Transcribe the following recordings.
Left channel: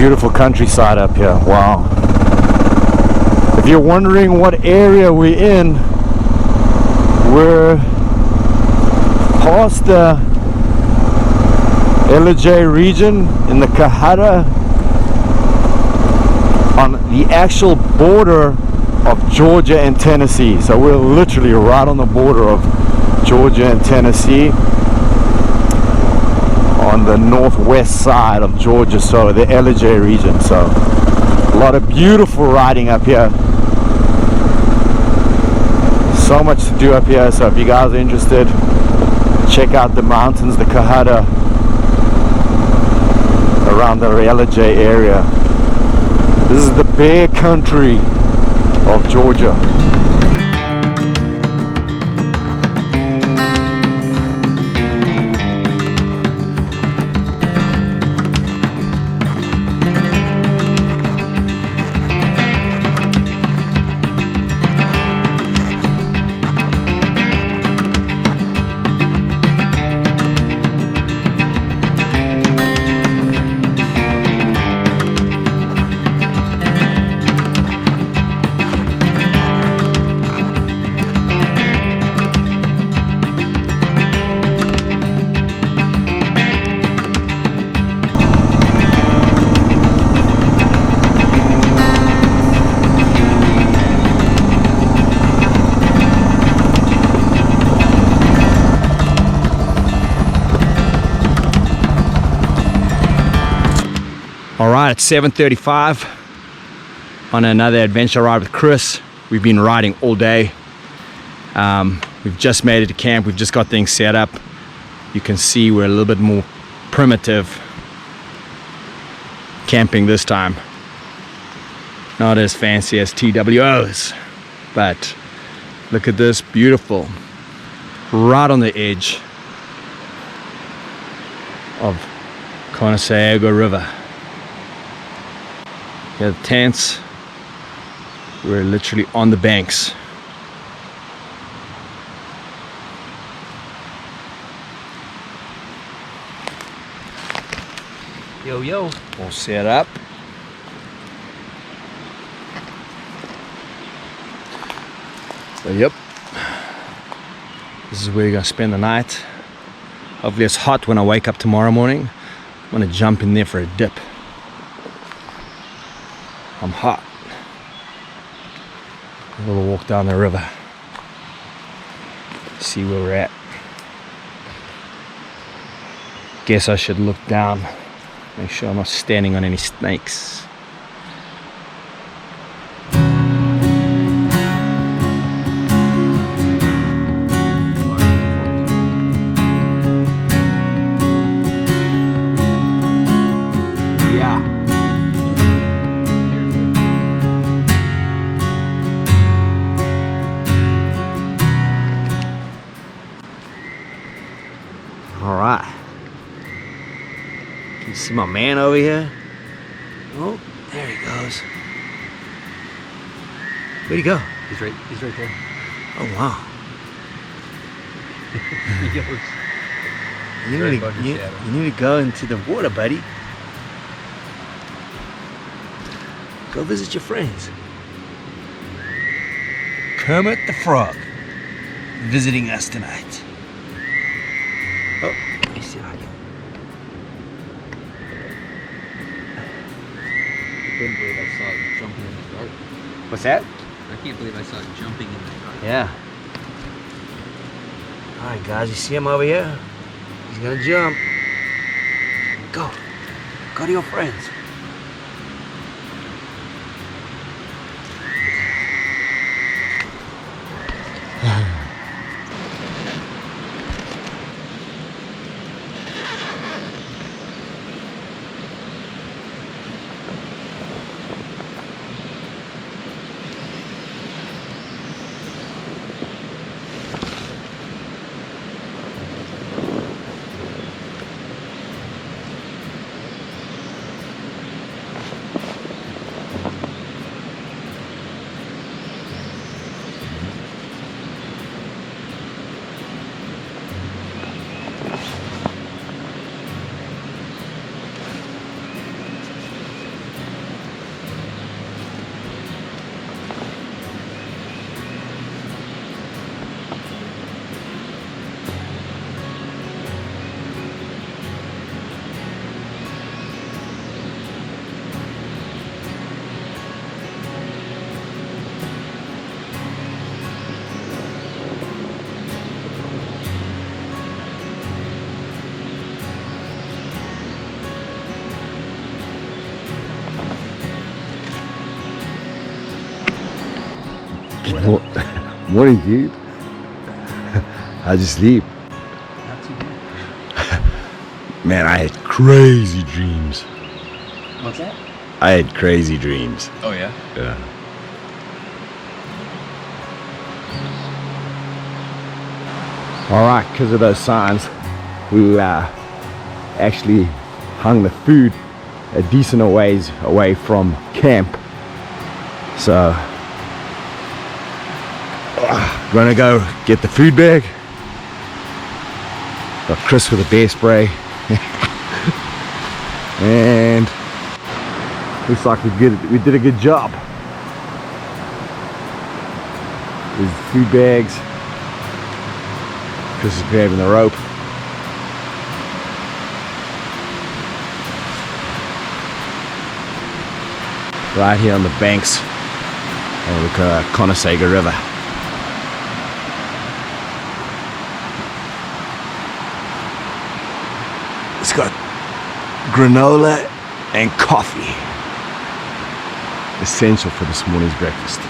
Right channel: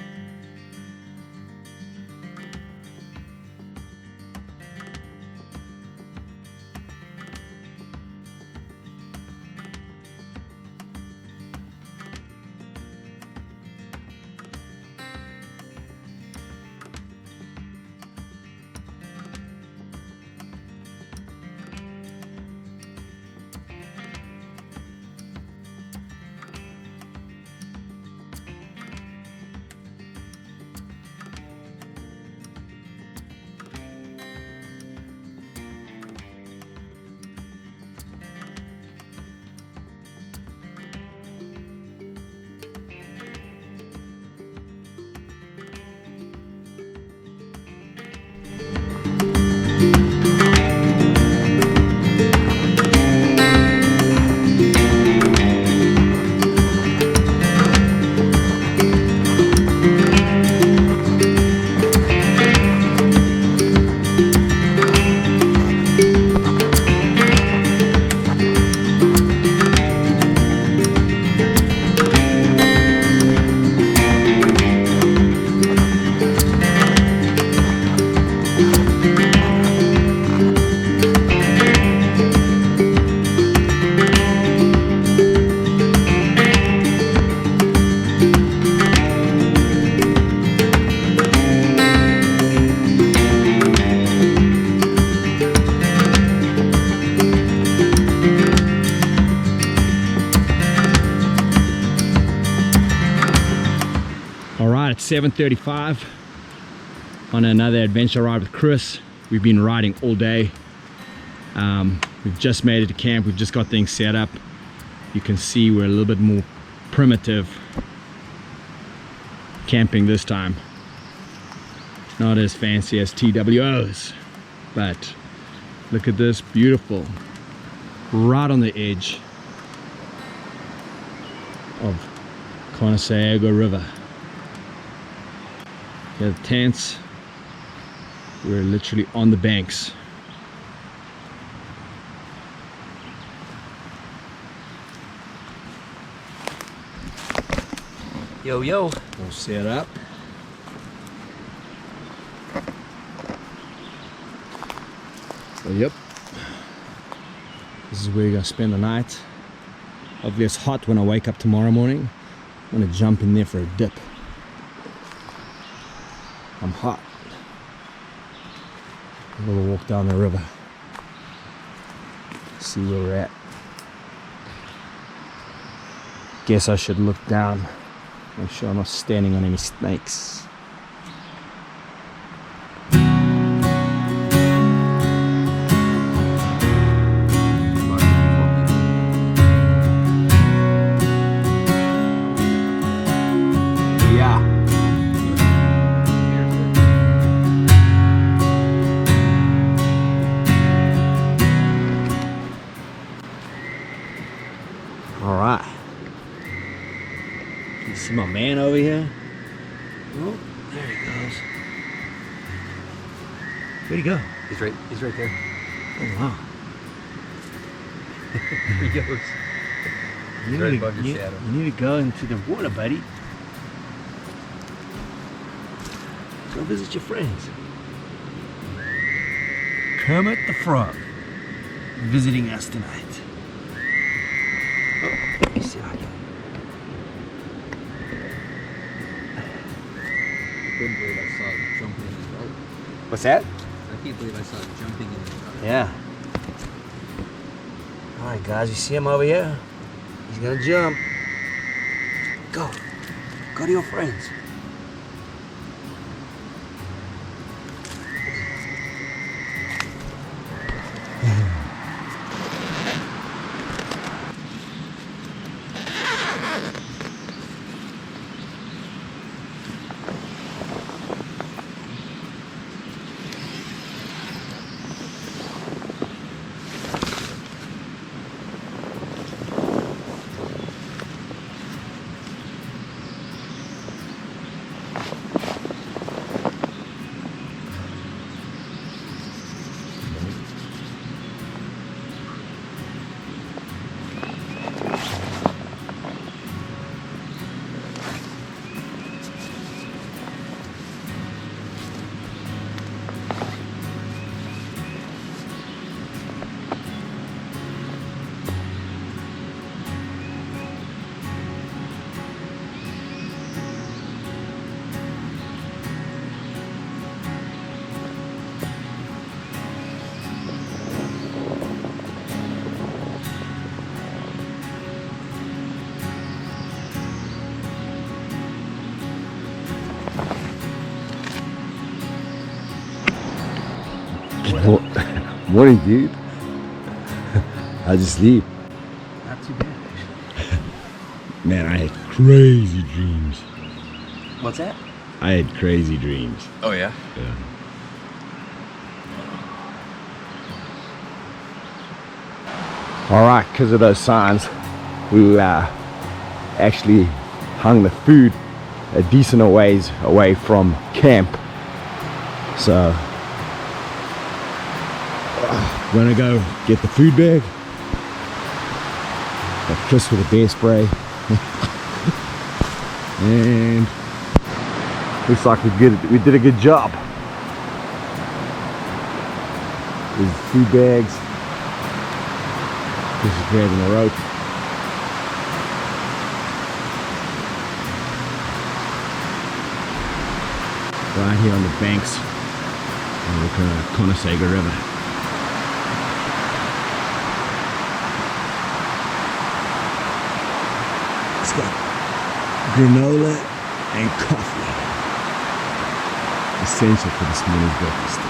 Beautiful countryside up here. Wow. If you're wondering what area we're in, we're past the LJ region in the Kahara, on the actual border of Georgia and Tennessee. So we're literally right on the border of Georgia and Tennessee, on the northwest side of Georgia, so the LJ region. So a lot of beautiful riding up here, so much to do up here. So if you guys are interested, check out the mountains, the Kahara, around the LJ area. This is the bear country of Georgia. Alright, it's 7:35 on another adventure ride with Chris. We've been riding all day. We've just made it to camp. We've just got things set up. You can see we're a little bit more primitive camping this time. Not as fancy as TWOs, but look at this, beautiful. Right on the edge of Conesaga River. Here are the tents. We're literally on the banks. Yo, yo. All set up. So, yep. This is where you're gonna spend the night. Hopefully it's hot when I wake up tomorrow morning. I'm gonna jump in there for a dip. I'm hot. A little walk down the river. See where we're at. Guess I should look down. Make sure I'm not standing on any snakes. Yeah. All right. You see my man over here? Oh, there he goes. Where'd he go? He's right there. Oh wow. He goes. You need to go into the water, buddy. Go visit your friends. Kermit the Frog visiting us tonight. Oh, let me see how I go. I couldn't believe I saw it jumping in the dark. What's that? I can't believe I saw it jumping in the dark. Yeah. Alright guys, you see him over here? He's gonna jump. Go. Go to your friends. Morning, dude. How'd you sleep? Not too bad. Man, I had crazy dreams. What's that? I had crazy dreams. Oh yeah? Yeah. Alright, because of those signs, we actually hung the food a decent ways away from camp. So, we're gonna go get the food bag. Got Chris with a bear spray. And looks like we did a good job. These food bags. Chris is grabbing the rope. Right here on the banks of the Conasega River. It's got granola and coffee. Essential for this morning's breakfast.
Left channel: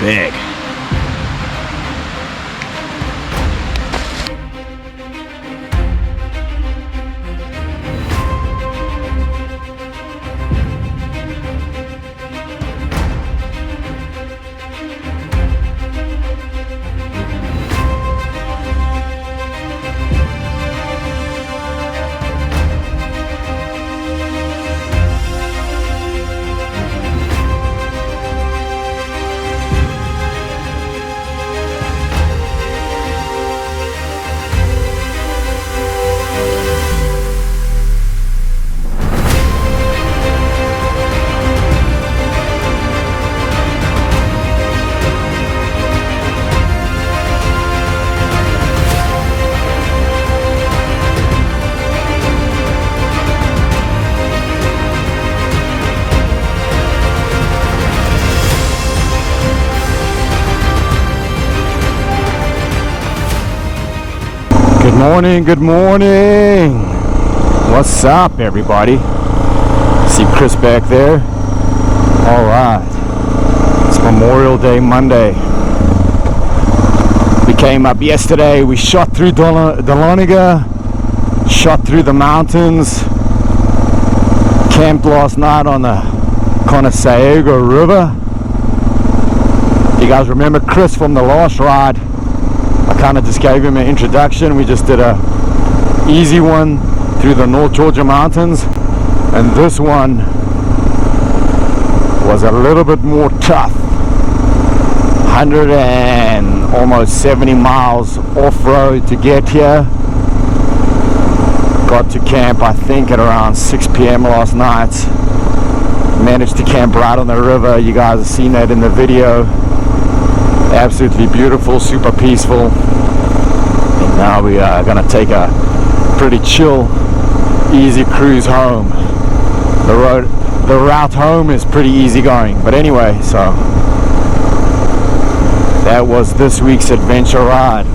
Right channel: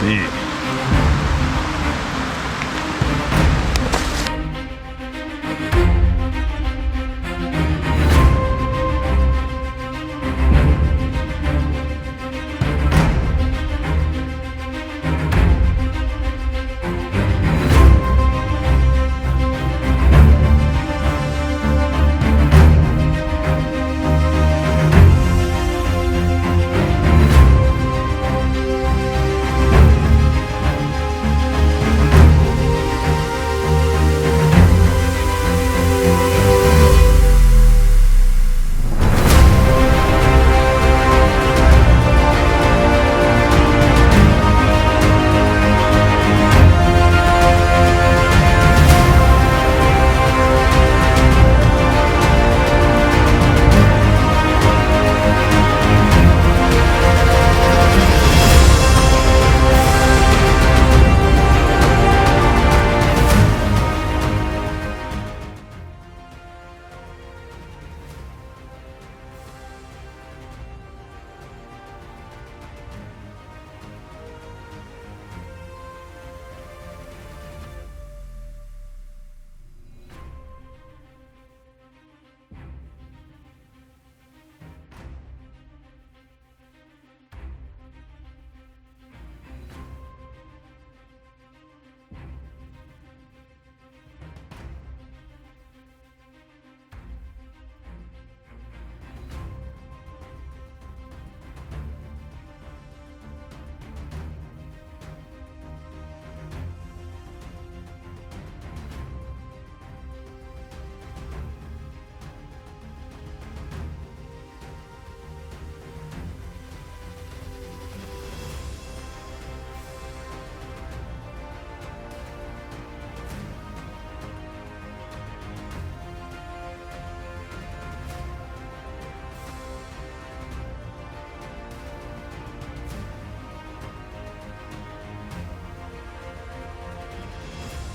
Big. Good morning. What's up, everybody? See Chris back there? All right. It's Memorial Day Monday. We came up yesterday. We shot through Dahlonega, shot through the mountains, camped last night on the Conasega River. You guys remember Chris from the last ride? I kind of just gave him an introduction. We just did a easy one through the North Georgia mountains, and this one was a little bit more tough. 100 and almost 70 miles off-road to get here. Got to camp I think at around 6 p.m. last night. Managed to camp right on the river. You guys have seen that in the video. Absolutely beautiful, super peaceful. And now we are gonna take a pretty chill, easy cruise home. The route home is pretty easy going. But anyway, so that was this week's adventure ride.